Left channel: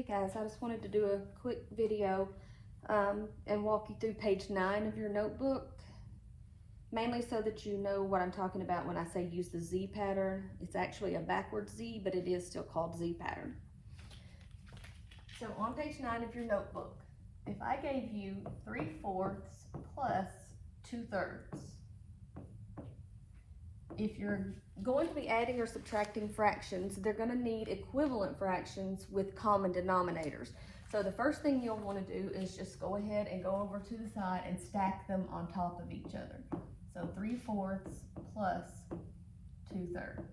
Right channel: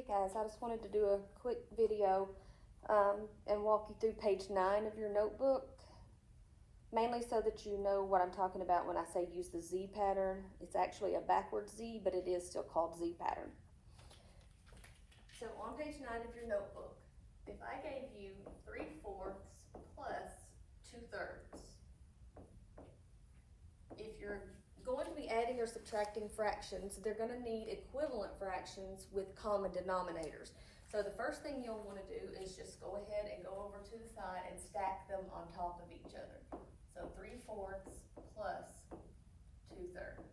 Hey guys, I just wanted to do a quick video and walk you through page 9 of your notebook, mainly so that you know what I'm talking about when I say use the Z pattern. It's actually a backwards Z, but it is still called Z pattern. So on page 9 of your notebook, if I gave you 3/4 plus 2/3, if you're going to be adding or subtracting fractions, they're going to need equivalent fractions with common denominators. So the first thing you'll want to do is just go ahead and go over to the side and stack them on top of each other. So 3/4 plus 2/3.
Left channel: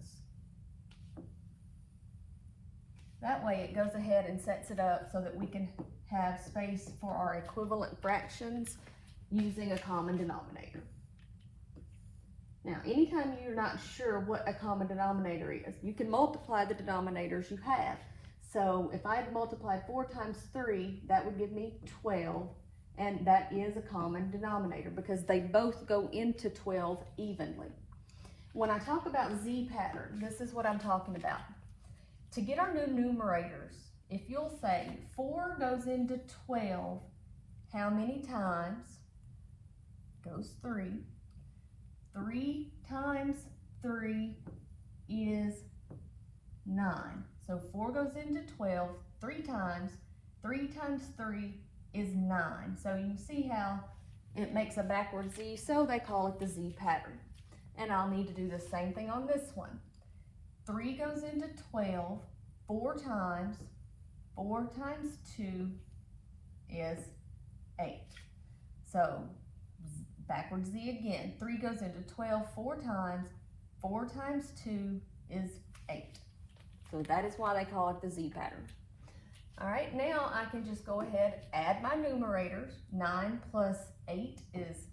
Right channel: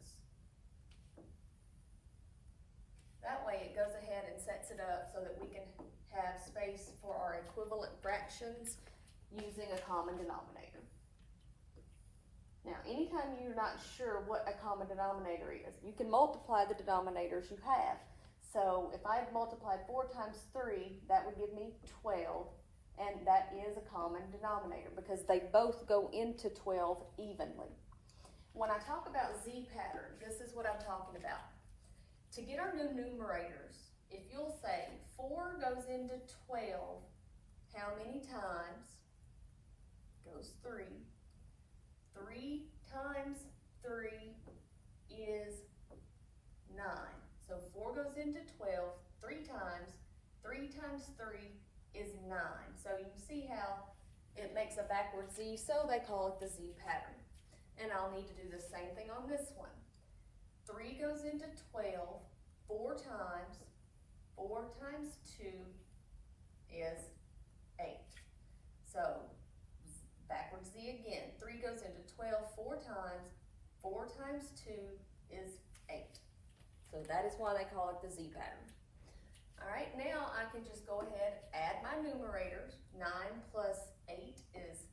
That way it goes ahead and sets it up so that we can have space for our equivalent fractions using a common denominator. Now, anytime you're not sure what a common denominator is, you can multiply the denominators you have. So if I had multiplied 4 times 3, that would give me 12, and that is a common denominator because they both go into 12 evenly. When I talk about Z pattern, this is what I'm talking about. To get our new numerators, if you'll say 4 goes into 12, how many times? Goes 3. 3 times 3 is 9. So 4 goes into 12 3 times. 3 times 3 is 9. So you see how it makes a backward Z, so they call it the Z pattern. And I'll need to do the same thing on this one. 3 goes into 12 4 times. 4 times 2 is 8. So backwards Z again. 3 goes into 12 4 times. 4 times 2 is 8. So that is why they call it the Z pattern. All right, now I can just go ahead, add my numerators. 9 plus 8 is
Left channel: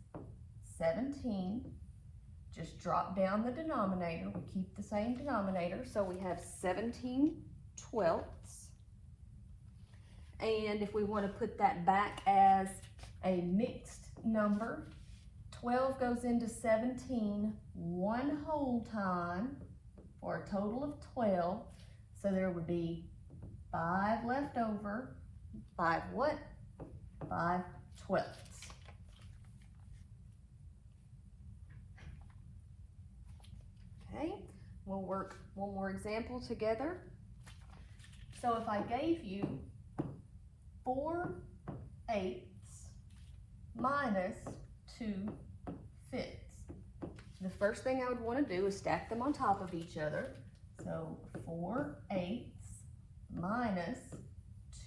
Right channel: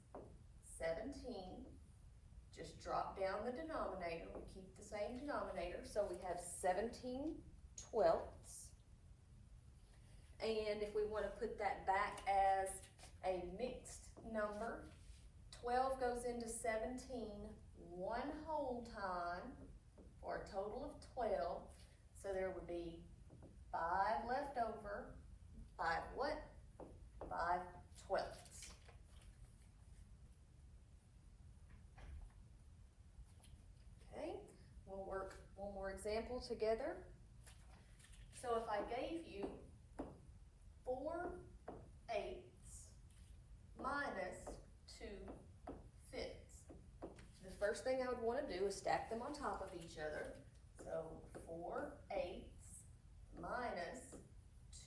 17. Just drop down the denominator. We keep the same denominator, so we have 17/12. And if we want to put that back as a mixed number, 12 goes into 17 one whole time for a total of 12. So there would be 5 left over. 5 what? 5/12. Okay, we'll work one more example together. So if I gave you 4/8 minus 2/5. The first thing I would want to do is stack them on top of each other. So 4/8 minus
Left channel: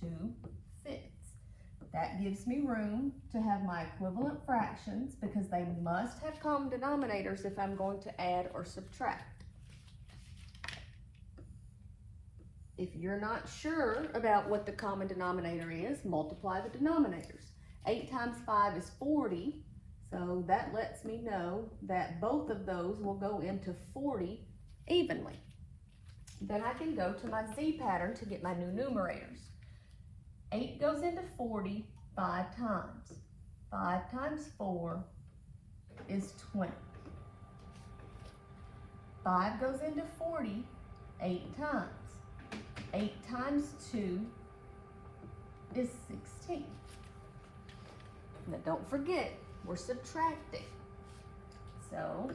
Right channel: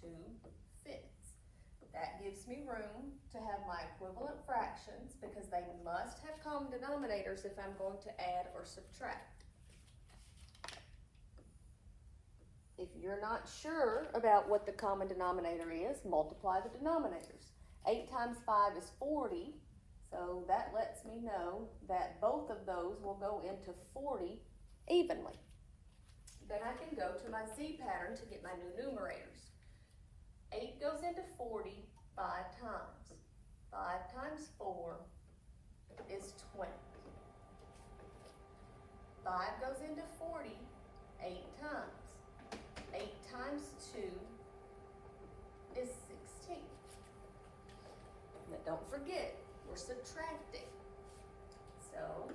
2/5. That gives me room to have my equivalent fractions because they must have common denominators if I'm going to add or subtract. If you're not sure about what the common denominator is, multiply the denominators. 8 times 5 is 40, so that lets me know that both of those will go into 40 evenly. Then I can go to my Z pattern to get my new numerators. 8 goes into 40 5 times. 5 times 4 is 20. 5 goes into 40 8 times. 8 times 2 is 16. Now don't forget, we're subtracting. So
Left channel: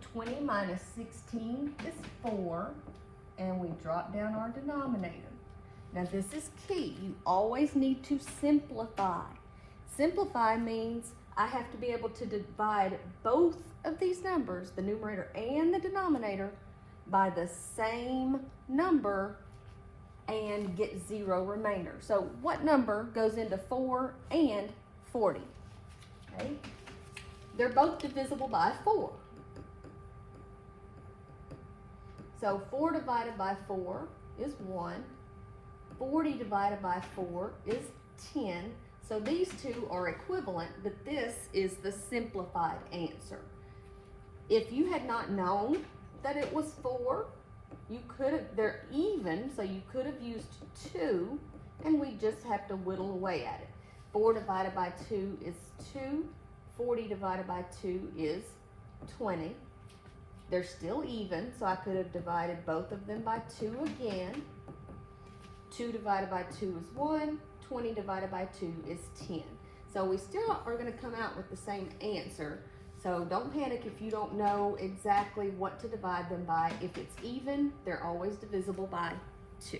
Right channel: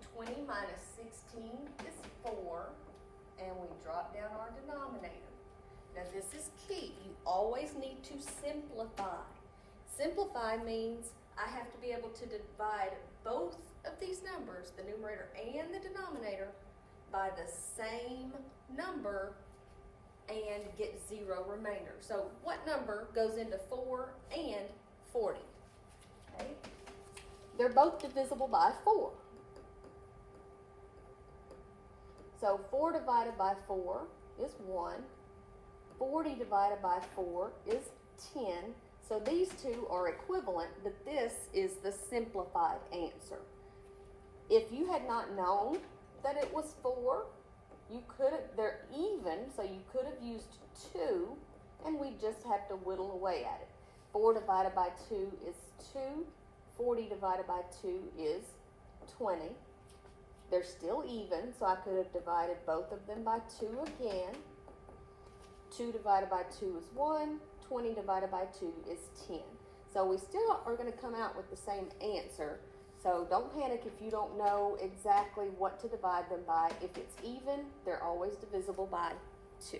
20 minus 16 is 4, and we drop down our denominator. Now this is key. You always need to simplify. Simplify means I have to be able to divide both of these numbers, the numerator and the denominator, by the same number and get 0 remainder. So what number goes into 4 and 40? Okay? They're both divisible by 4. So 4 divided by 4 is 1. 40 divided by 4 is 10. So these two are equivalent, but this is the simplified answer. If you had not known that it was 4, you could have, they're even, so you could have used 2, and we just have to whittle away at it. 4 divided by 2 is 2. 40 divided by 2 is 20. They're still even, so I could have divided both of them by 2 again. 2 divided by 2 is 1, 20 divided by 2 is 10. So we still are going to come out with the same answer. So don't panic if you don't know exactly what to divide them by. If it's even, they're always divisible by 2.